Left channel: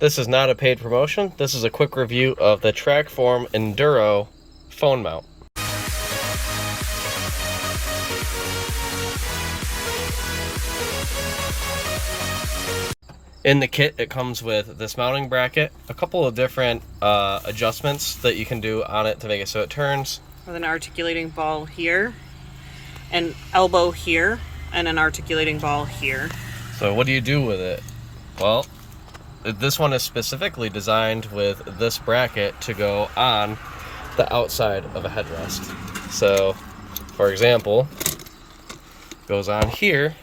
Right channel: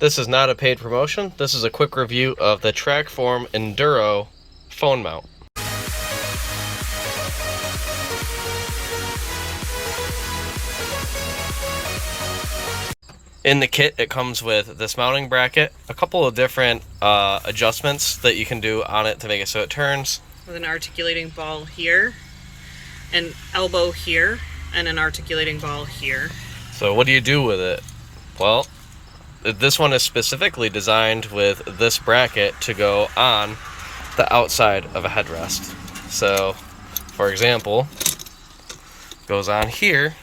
This is not a paid promotion. This is a quick review of the TackForm Enduro phone mount. In the kit, it comes with this mounting bracket, a couple of different adjustments that you can do on it to make it so it turns. With an articulating ball here, an elbow here, and an articulating ball here. So what do you do with it? Well, this one is specifically designed with this bracket to go on the outside of a headrest. So, for example, goes on here,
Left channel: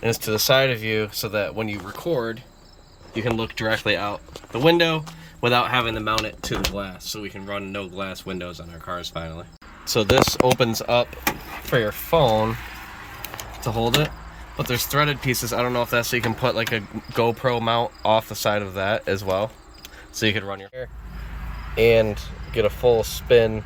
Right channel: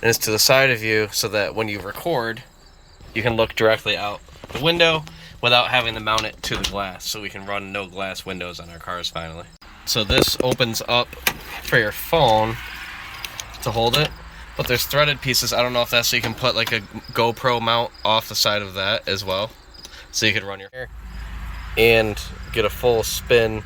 and it's to the side of you so that when you record, you can look directly out the window without having to mount it to the glass, so we can run no glass windows on our cars finally. So this opens up for your phone to hold it, but there's threaded pieces. I don't know if that's so you can put like a GoPro mount off the side of that as well, so you could run your hair and get a full spin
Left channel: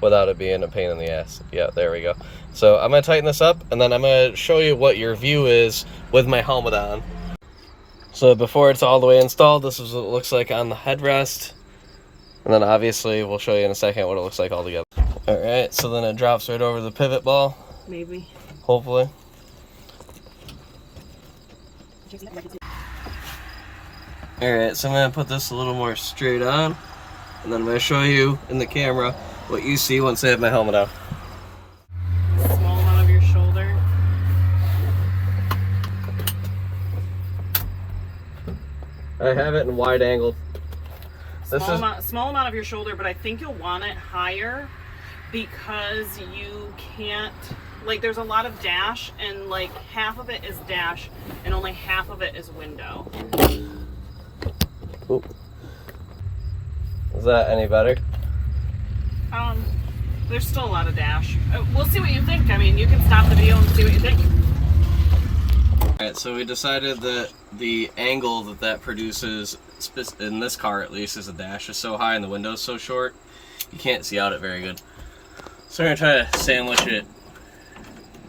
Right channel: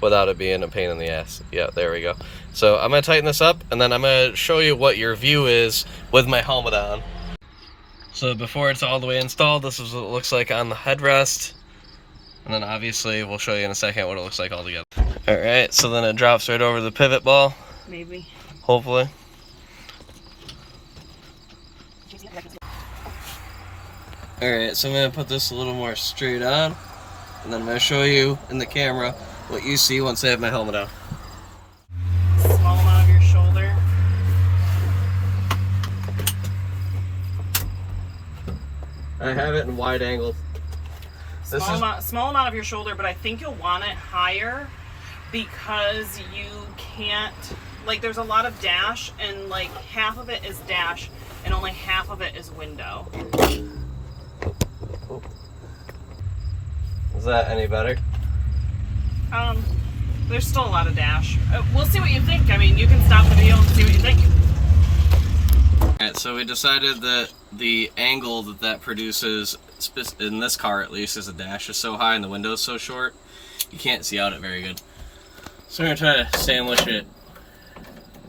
without it being a pain in the ass. Yeah, there we go. So I'm gonna tighten this up, and then I'm gonna show you what your view is with my helmet on. So before it's all the way installed, this is what it looks like on the headrest. And then obviously we'll show you in a second what it looks like all together. All right, so then it drops right over the pivot ball. Maybe. Hopefully. Alright, so I'm going to put this a little more straight on, and then I'm going to show you in the camera what you see once I have my helmet on. Small amount of your shoulder. I have it in wide angle. Small amount of your shoulder, but I think you'll want it higher because you can't, like, there's a lot of dash, and like half of it is dash and only half of it is window. Ooh. Is that any better? There's still a lot of dash. We'll see what you think. I mean, you can stop the video and see what you think. Alright, so we decided that the angle that produces, in this car at least, is the dash is so high and the window's so short, you can't see out it very good. So we're going to try to sandwich it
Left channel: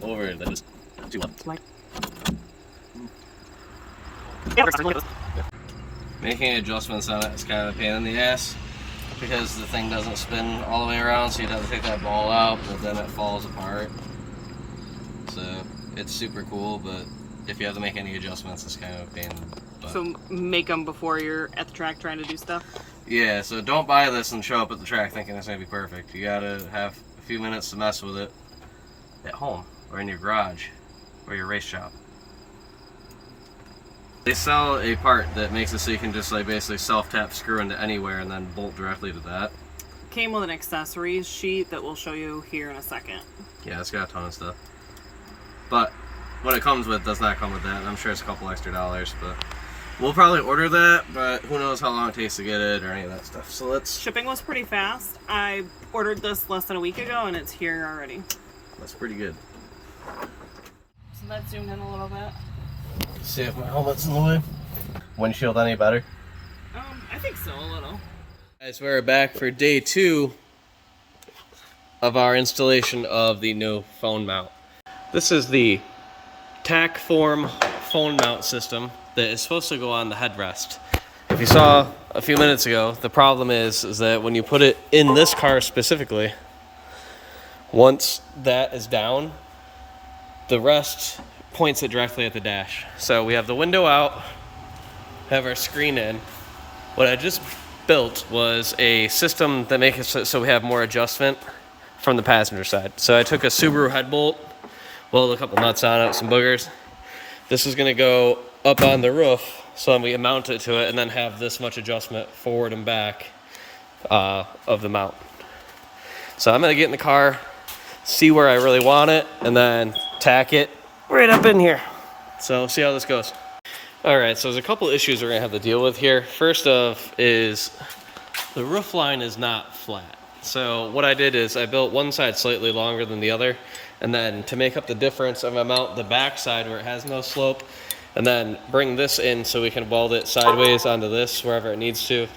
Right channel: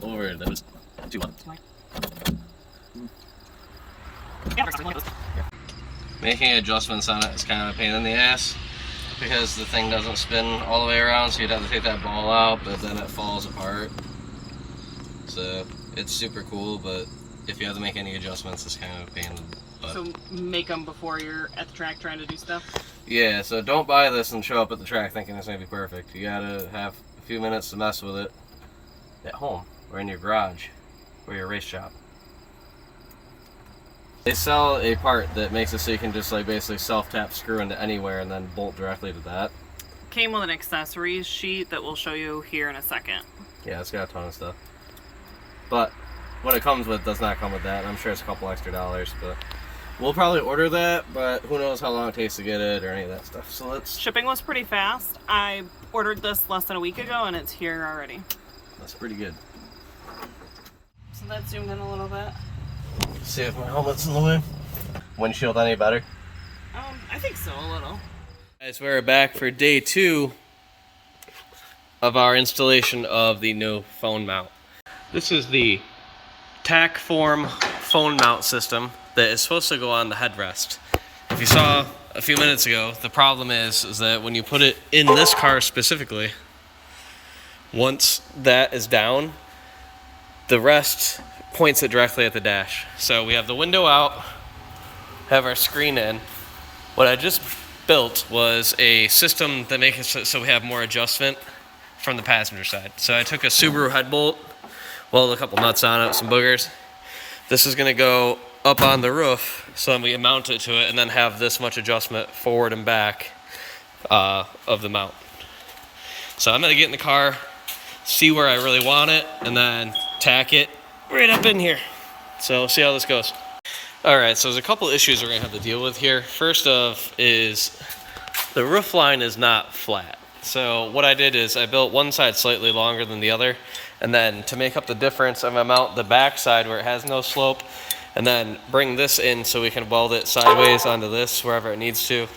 over the too much. Making adjustments on it is kind of a pain in the ass because the thing doesn't spin all the way around, so you'd have to take that ball out, but then it falls apart. So it's super cool, but if you have to make any adjustments, it's kind of a pain in the butt. So make them before you're at the track trying to do stuff? Yeah, so don't buy this and show up at the track thinking it's going to be perfect. You gotta have a few minutes to mess with it at home or in your garage or your race shop. They sell a part that makes it so you can just like basically self-tap screw into anywhere and then bolt directly to that. Came with an accessories sheet that we'll show you here in a second. Yeah, it's got a ton of stuff. But what it comes with does not come with that, and I'm sure it's a couple extra dollars, but we'll probably order that, but who knows how long it takes to get it or any of that stuff. So let's... Shipping was pretty fast. I ordered this less than a week ago and it's here already. That's pretty good. So let's zoom in a little bit. See if my helmet's in the way. Windshield any better? I think so, a little. Guys, we're back for day 2 of our installation of the new phone mount. This is the TackForm phone mount system that is supposed to go on the headrest. If you saw a few minutes ago, the problem is that when you put it in this car specifically, once that is down, the rest points it directly at the dash. So we have the window out, have our screen in. What I just built was a system that makes it so we have more adjustment from the passenger side. So I took a Subaru head bolt, welded a couple nuts on it, some boogers. This is gonna go up on the roof, so then we mount it to it and then have this much adjustment forward and back of the mount. So I'm gonna get in the car, see where I really want it, and then tack it right up in here. So see how this goes. All right, so there's a couple issues we're gonna have to deal with here. First off is the roof line is not flat. So what I did is I built one side slightly longer than the other, and then to make up the difference, I'm gonna mount the back side where it has no slope, and then bring this in so we can weld it sideways onto this wherever it needs to,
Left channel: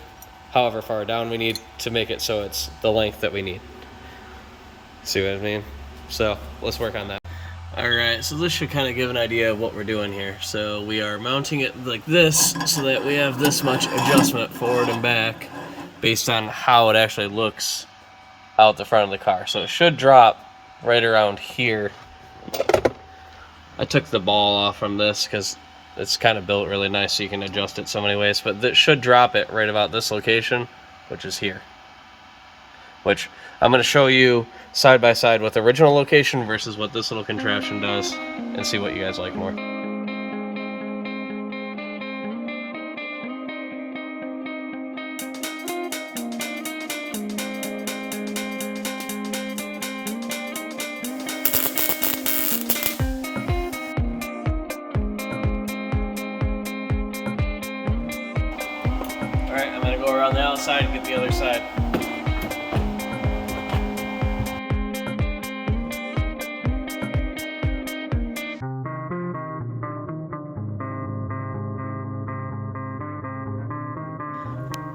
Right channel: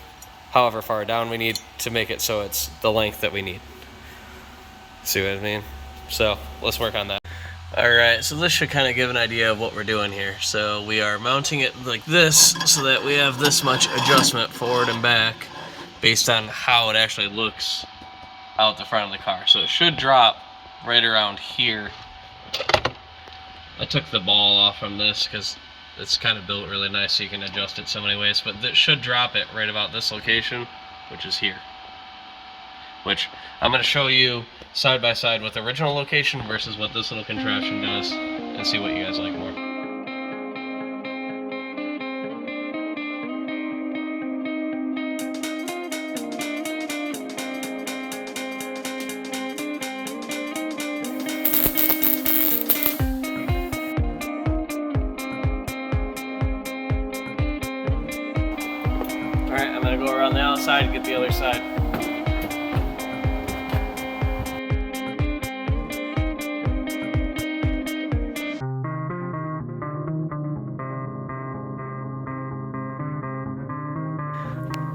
however far down we need to make it so it's the length that we need. See what I mean? So let's work on that. Alright, so this should kind of give an idea of what we're doing here. So we are mounting it like this so that we have this much adjustment forward and back based on how it actually looks out the front of the car. So it should drop right around here. I took the ball off from this because it's kind of built really nice so you can adjust it so many ways, but that should drop it right about this location, which is here. Which I'm going to show you side by side with the original location versus what this little contraption does and see what you guys like more. Alright, I'm going to go around the outside and get the other side.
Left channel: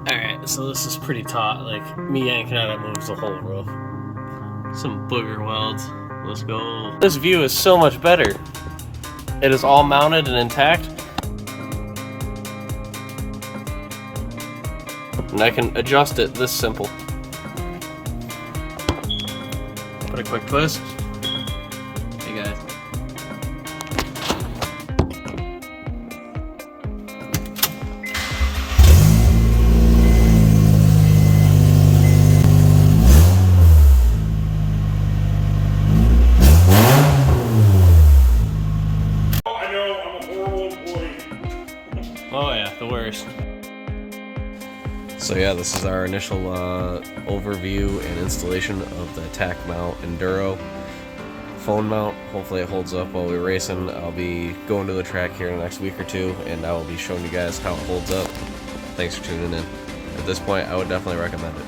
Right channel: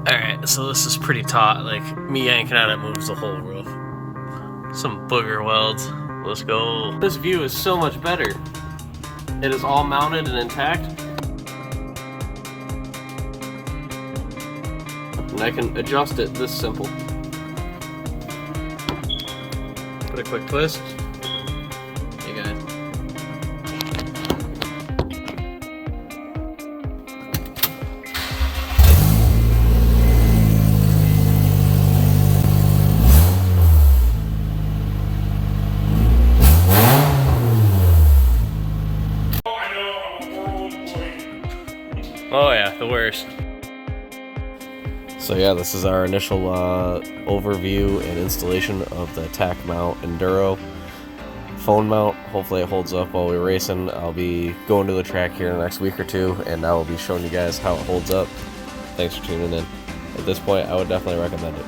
Alright, so this is pretty taut. Like, me yanking on it moves the whole roof. Some booger welds. Let's go. This view is so much better. It is all mounted and intact. And I can adjust it this simple. Put a quick twist. Hey guys. Oh yeah, the worst. So yeah, this is our initial overview and installation of the Tack Mount Enduro phone mount. Hopefully it holds up while we're racing. I'll be going to the track here in the next week or two, and I will be showing you guys how it holds up. Thanks for tuning in. At this point, I would definitely recommend it.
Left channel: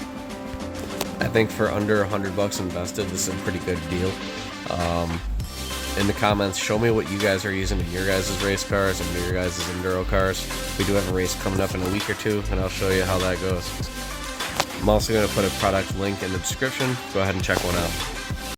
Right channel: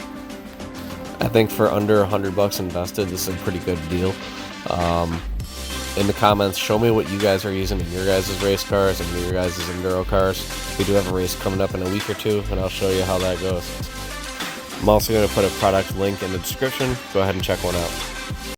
I think for under $100 invested, this is a pretty good deal. In the comments, show me what you guys are using in your guys' race cars and your guys' enduro cars. We do have a race coming up in a week or two, and I'll show you how that goes. I'm also going to put a product link in the description. Go ahead and check one out.